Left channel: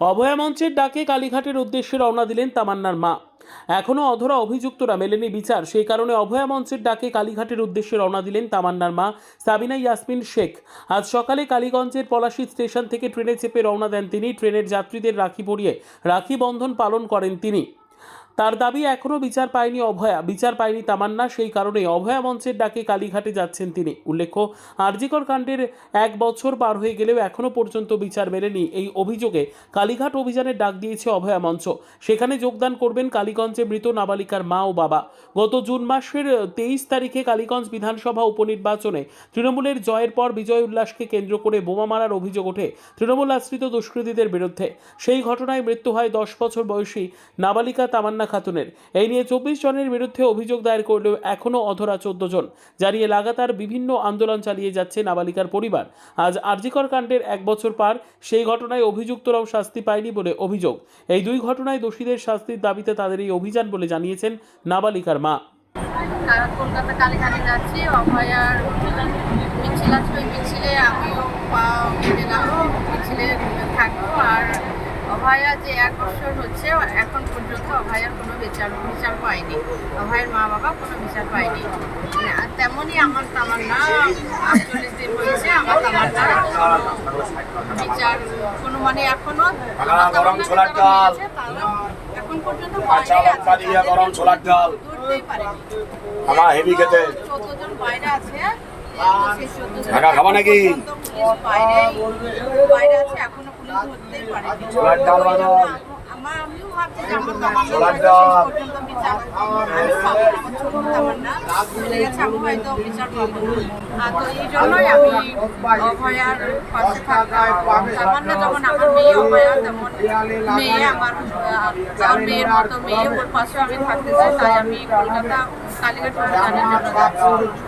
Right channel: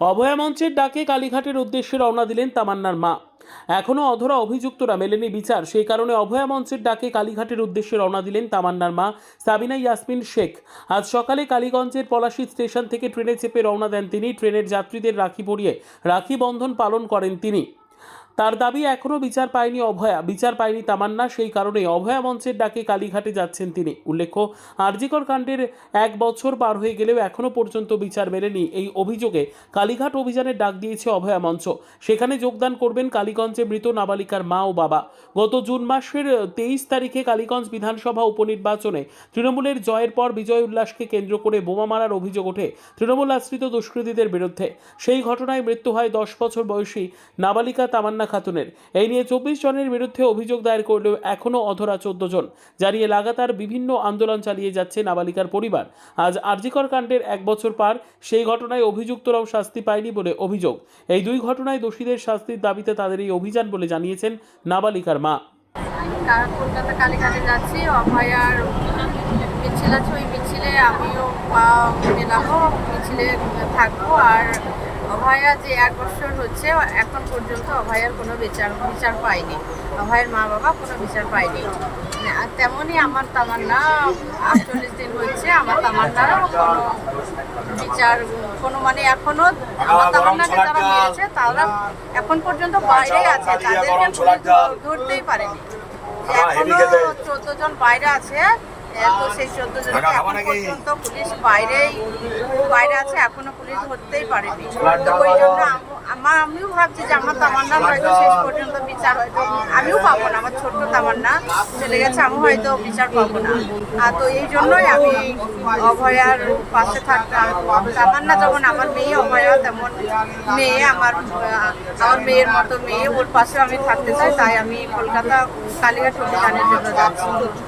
অভয়া মঞ্চের ডাকে কালীঘাটের উদ্দেশ্যে রওনা দিলেন তামান্নার মা। এখনও অধরা অভিযুক্তরা মেলেনি বিচার, সেই কারণে অভয়া মঞ্চের ডাকে কালীঘাটের উদ্দেশ্যে রওনা দিলেন তামান্নার মা সাবিনা ইয়াসমিন শেখ। আজ সকালে কালীগঞ্জের পলাশী স্টেশন থেকে ট্রেনে চেপে রওনা দেন তিনি। ট্রেনের যাত্রীদের রাখি পরিয়ে রাখি বন্ধন পালন করেন তিনি। তার দাবি, এখনও বিচার পায়নি অভয়া, বিচার পায়নি তামান্না, সেই কারণে অভয়া মঞ্চের ডাকে কালীঘাটে যাচ্ছেন তিনি। উল্লেখ্য, আরজিকর কাণ্ডের 1 বছর পার হয়ে গেলেও এখনও পর্যন্ত বিচার মেলেনি। এই অভিযোগে কালীঘাট অভিযানের ডাক দিয়েছে অভয়া মঞ্চ। সেখানে যোগদান করবেন কালীগঞ্জে মৃত নাবালিকার মা ও বাবা। গত জুন মাসের 23 তারিখে কালীগঞ্জ বিধানসভা উপনির্বাচনে তৃণমূলের জয়ের পর বিজয় উল্লাসকে কেন্দ্র করে বোমা মারার অভিযোগ ওঠে তৃণমূল আশ্রিত দুষ্কৃতীদের বিরুদ্ধে। সেই ঘটনায় মৃত্যু হয় 10 বছর বয়সী নাবালিকা তামান্না খাতুনের। এই নিয়ে 24 জনের বিরুদ্ধে অভিযোগ দায়ের করলেও এখনও অধরা 14 জন, জানিয়ে লাগাতার বিভিন্ন আন্দোলন চালিয়ে যাচ্ছে নাবালিকার পরিবার। আজ আরজিকর কাণ্ডের 1 বছর পার, সেই ঘটনায় অভিযুক্তরাও শাস্তি পায়নি বলে অভিযোগ। এই দুই ঘটনায় দোষীদের শাস্তির দাবিতে তাদের এই অভিযান বলে জানিয়েছেন নাবালিকার মা। কলকাতা কালীঘাটে যাচ্ছি, অভয়ার মিছিল আছে, ওই মিছিলে আমিও মেলাবো, মিছিলে থাকবো। আর অভয়া যে 1 বছর হচ্ছে, এখন পর্যন্ত অভয়ার কোনো বিচার পায়নি, অভয়ের মা বাবা কোনো বিচার পায়নি। আর তেমনই আমার তামান্না 48 দিন হয়েছে, আমার তামান্না বিচার কোনো মানে এখনো আমার তামান্নাকে যারা মেরেছে তারা এখন পর্যন্ত বাইরে আছে, তাদেরকে ধরতেই পারেনি। এখনো 14 জন বাইরে আছে, সেই 14 জন পর্যন্ত পুলিশ বাইরে আছে, এখনো পুলিশ ধরতেই পারেনি। ওই জন্য আমিও ভাবছি যে আমার তামান্না হয়তো শেষ পর্যন্ত বিচার আমিও পাবো না, আমার ছোট্ট তামান্না চলে গেছে, আমি হয়তো বিচার পাবো না। তো এই জন্যই আমি অভয়ার পাশে থাকতাম। তামান্না যেমন আমার মেয়ে, অভয়া তেমন মেয়ে, আমার মেয়ের মতো মেয়ে, ওর পাশেও আমি থাকতে চাই। তাই আমি কলকাতা কালীঘাট অভিযানের জন্য যাচ্ছি।